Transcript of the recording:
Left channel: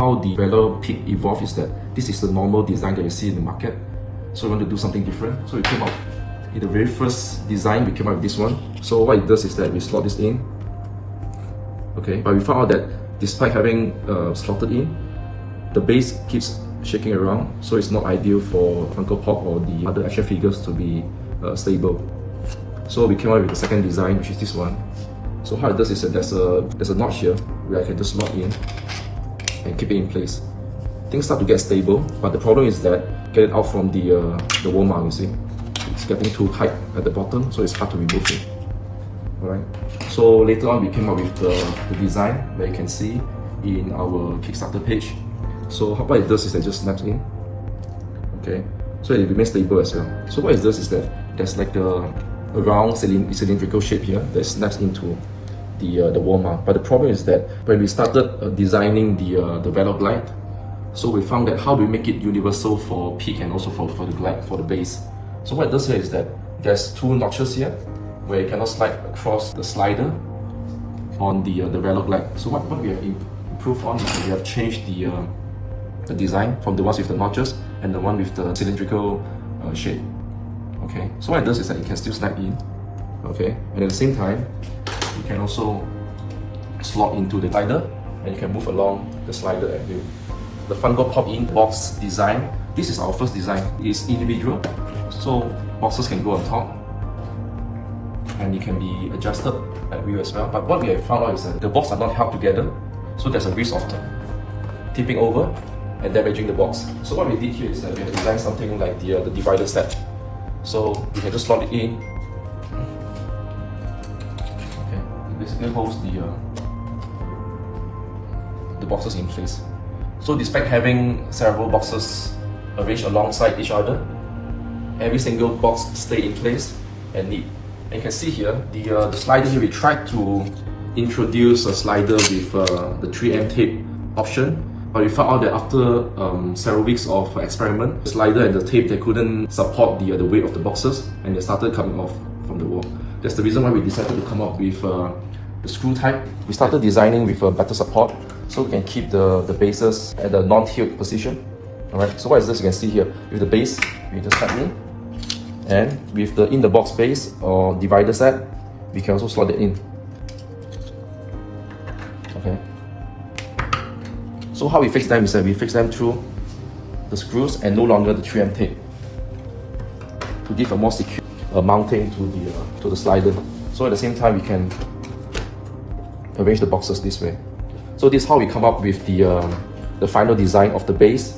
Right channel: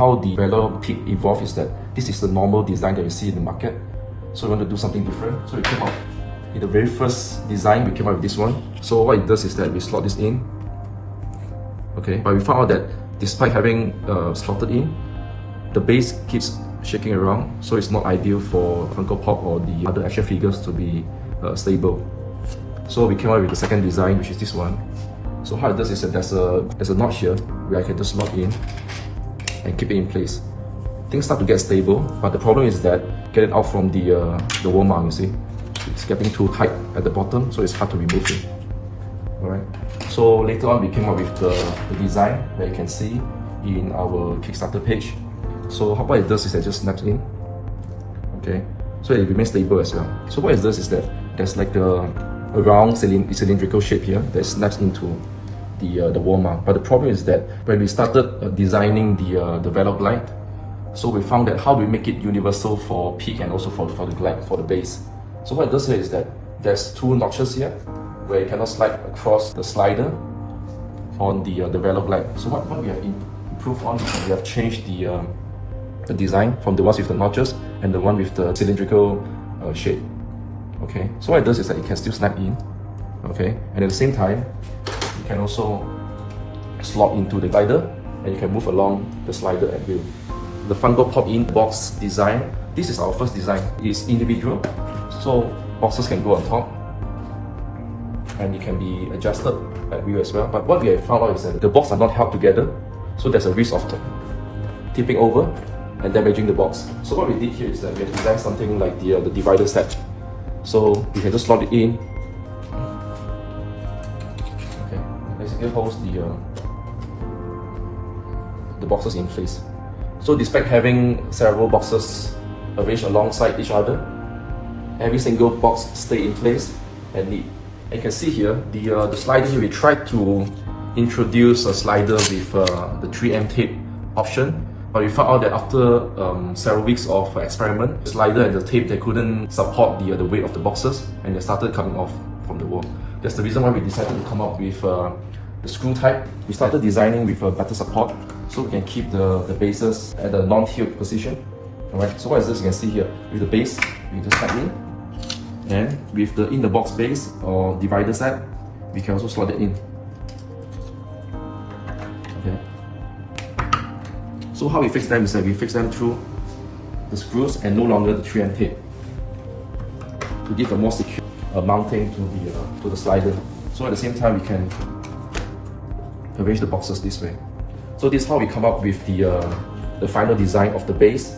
How the VALOR kit evolved is that this is the normal design that you see in the market. So we want to do something different. So we came up, in the very first design, we came up with this one. So what it does is that we slot this in. Okay, but we found out that despite having slotted in, the base keeps shaking around, so it's not ideal for Funko Pop or the other action figures to be stable. So we came up with the second design, which is this one. So how it does is that there's a notch here where I can just lock in and keep it in place. Things start to get stable, but the problem is that get it out from the wall mount, you see. It's getting too tight at the bottom, so it's hard to remove it. Alright. So later on we came up with the design that you can see in our Kickstarter page. So what it does is it just snaps in. Okay. So it remains stable as well. So what it does is that there's like a round cylindrical shape here that snaps into the wall mount. But the problem is that when we started designing the VALOR Glide, so we found that how do we make it universal for peak and also for the glide, for the base. So what it does here is that there's two notches here where you cannot slide across the slider on the VALOR Glide. So what we have improved on is that we have changed the design from the ones with the notches and the one with the cylindrical shape. Okay, so what it does is that it can still snap in. Okay, and at the same time, you can also slot into the glider and you can move along the slider at will. The Funko Pop in box design, this is our first design. It's individual, so boxes can go on top and it can be adjusted at will as well. But what we have found out is that the boxes are not held together, so there's a risk of tipping over and damaging the box. So what we did here is that we have designed something like the divider set. So you can just slot it in. Okay, it basically holds the boxes in place. So despite having several boxes arranged alongside each other, every single box stay in place and neat. And you can see here, the slider here, we tried to introduce a slider with the 3M tape option, but we found out that after several weeks of experiment, the slider and the tape, they couldn't support the weight of the boxes and they started coming off from the wall. That's the reason why we decided to come up with the screw type. We started designing with a better support so we can keep the bases at the non-tilt position. Alright, so what is this you can see here? With the base, we just slide in, and with the in-the-box base or divider set, we can also slot it in. Okay. So how we fix them is that we fix them through the screws and no longer the 3M tape to give a more secure mounting to the slider. So at the same time we can arrange the boxes this way. So this is how we come up with the final design of the base.